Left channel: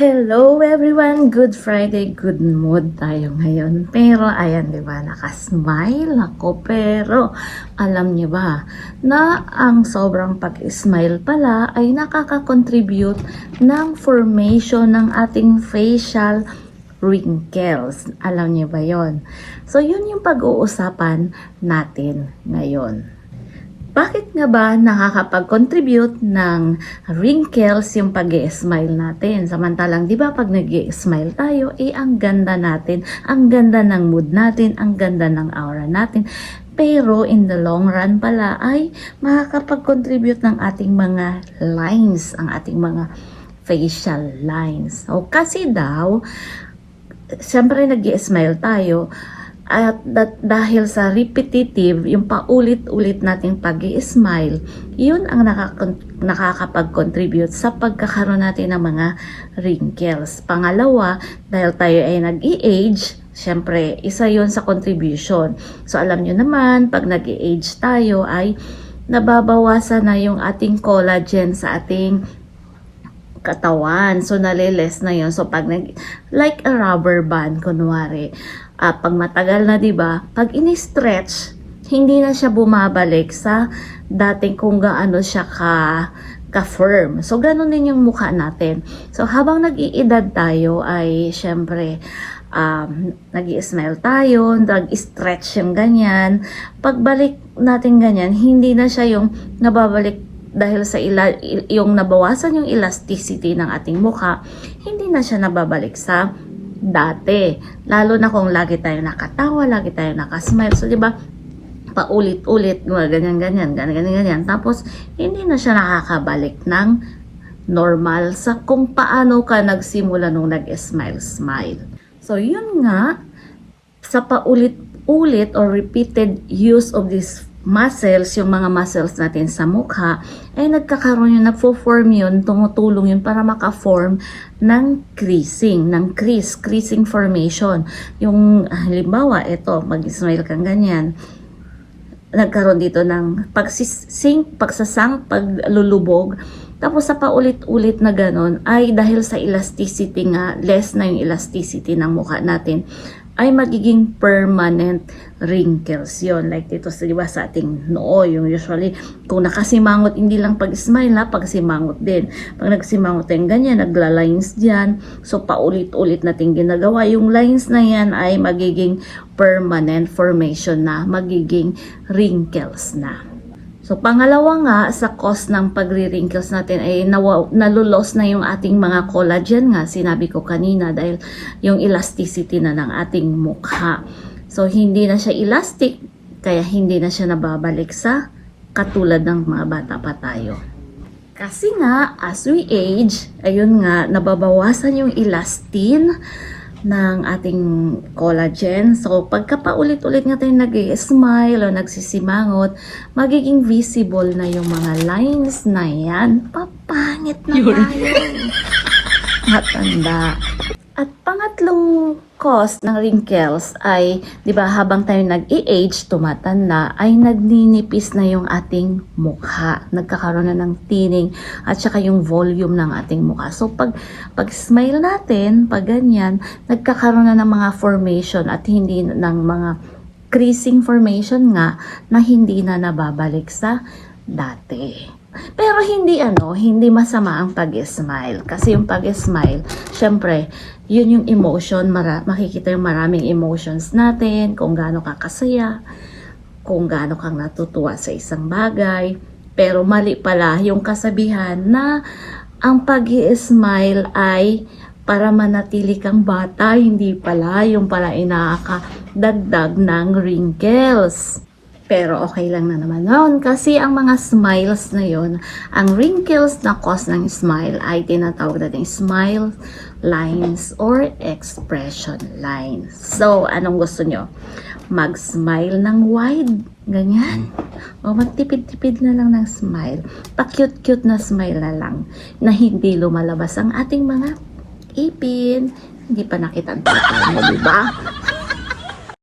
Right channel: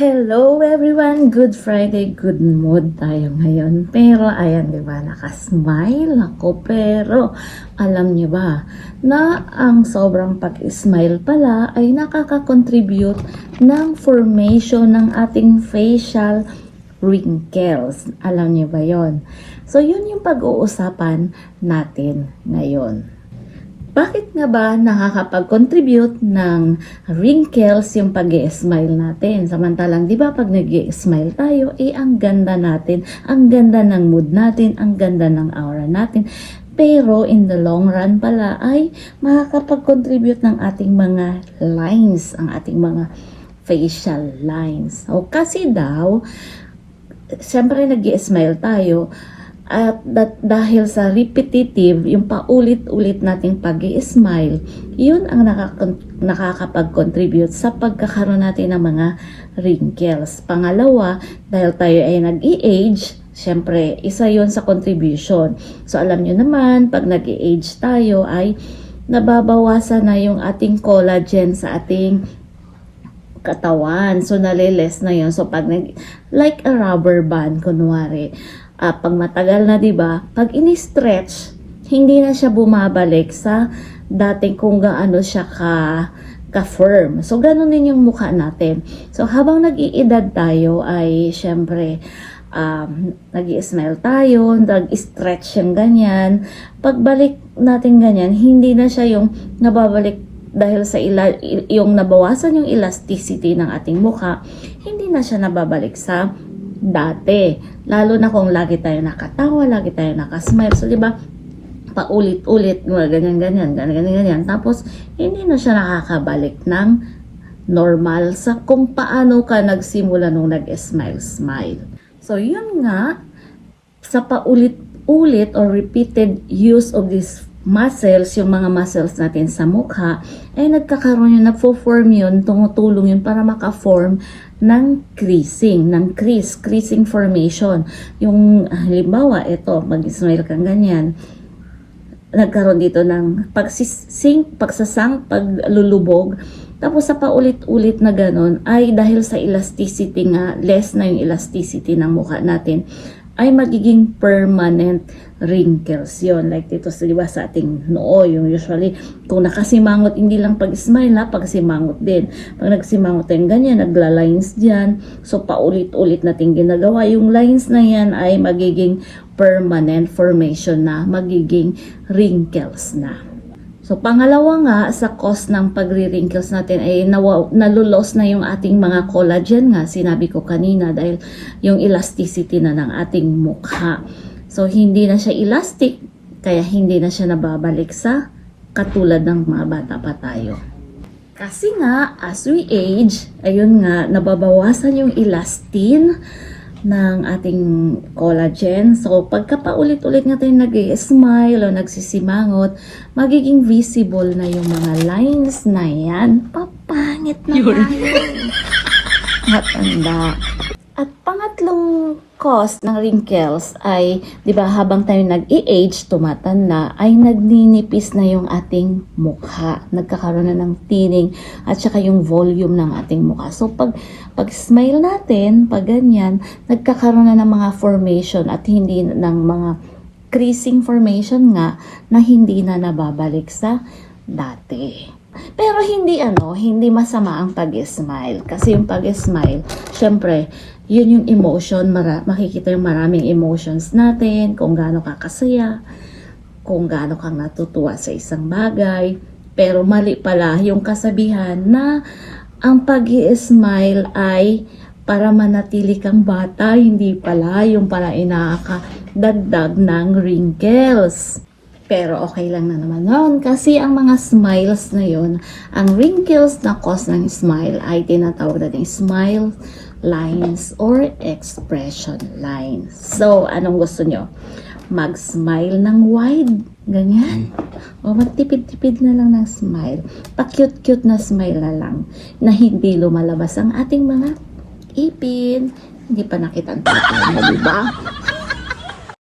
Hello everyone! Good Friday, good mood tayo ngayon. Pero ayan, di ba, nakasmile ako. Pero alam niyo ba na ang sobrang pag-smile pala ay nakaka-contribute ng formation ng ating facial wrinkles. Alam niyo ba yon? So yun yung pag-uusapan natin ngayon. Bakit nga ba nakakapag-contribute ng wrinkles yung pag smile natin? Samantalang, di ba, pag nag smile tayo, eh, ang ganda natin, ang ganda ng mood natin, ang ganda ng aura natin. Pero, in the long run pala, ay makakapag-contribute ng ating mga lines, ang ating mga facial lines. O, kasi daw, siyempre nag smile tayo, at that, dahil sa repetitive, yung paulit-ulit nating pag smile yun ang nakakapag-contribute sa pagkakaroon natin ng mga wrinkles. Pangalawa, dahil tayo ay nag-i-age, syempre, isa yon sa contribution. So, alam nyo naman, pag nag-i-age tayo ay nababawasan na yung ating collagen sa ating katawan. So, naliles na yon So, pag nag, like a rubber band, kunwari, ah, pag matagal na, di ba, pag ini-stretch, hindi na siya bumabalik sa dating kung gaano siya ka ka-firm. So, ganun din yung mukha natin. So, habang nag-iedad tayo ay, syempre, um, nag smile tayo, nag-stretch yung ganyan. Pagbalik natin ganyan, hindi na siya yung nababalik dahil sa ila, yung nabawasan yung elasticity ng ating mukha, hindi na siya nababalik sa dati. Lalo na kung lagi tayo nakatawa, lagi tayo nakasmile. So, di ba, paulit-ulit, ganyan-ganyan, ganyan-ganyan. Tapos, hindi na siya nakakabalik ng normal sa kung paano ka nagsimula nung nag-smile-smile. So, yun nga, sa paulit-ulit or repeated use of these muscles, yung mga muscles natin sa mukha, ay nagkakaroon yun, nagfo-form yun, tumutulong yun para maka-form ng creasing, ng crease, creasing formation. Yung, halimbawa, ito, mag-smile kang ganyan, nagkaroon dito ng pagsisink, pagsasang, paglulubog. Tapos sa paulit-ulit na ganun ay dahil sa elasticity nga, less na yung elasticity ng mukha natin, ay magiging permanent wrinkles yon Like dito sa, di ba, sa ating noo, yung usually, kung nakasimangot, hindi lang pag-smile ha, pag-simangot din. Pag nagsimangot tayong ganyan, nagla-lines dyan. So, paulit-ulit natin ginagawa. Yung lines na yan ay magiging permanent formation na, magiging wrinkles na. So, pangalawa nga, sa cause ng pagre-wrinkles natin ay nawa, nalulos na yung ating mga collagen nga, sinabi ko kanina, dahil yung elasticity na ng ating mukha. So, hindi na siya elastic, kaya hindi na siya nababalik sa katulad ng mga bata pa tayo. Kasi nga, as we age, ayun nga, nababawasan yung elastin ng ating collagen. So, pagka paulit-ulit nga tayo nag-smile o nagsisimangot, magiging visible na yung mga lines na yan. Papangit na. Matanda. At pangatlong cause ng wrinkles ay, di ba, habang tayo nag-age, tumatanda, ay nagninipis na yung ating mukha. Nagkakaroon na ng tining at saka yung volume ng ating mukha. So, pag, pag smile natin, pag ganyan, nagkakaroon na ng mga formation at hindi ng mga creasing formation nga na hindi na nababalik sa dati. Pero hindi ano, hindi masama ang pag-smile. Kasi yung pag-smile, syempre, yun yung emotion, mara- makikita yung maraming emotions natin, kung gaano ka kasaya, kung gaano kang natutuwa sa isang bagay. Pero mali pala yung kasabihan na ang pag smile ay para manatili kang bata, hindi pala yung pala inakadagdag ng wrinkles. Pero okay lang na naman noon kasi ang mga smiles na yon, ang wrinkles na cause ng smile ay tinatawag natin smile lines or expression lines. So, anong gusto nyo? Mag-smile ng wide, ganyan. O magtipid-tipid na lang ng smile. Pa-cute-cute na smile na lang na hindi lumalabas ang ating mga ipin. Hindi pa nakita ang mo, di ba?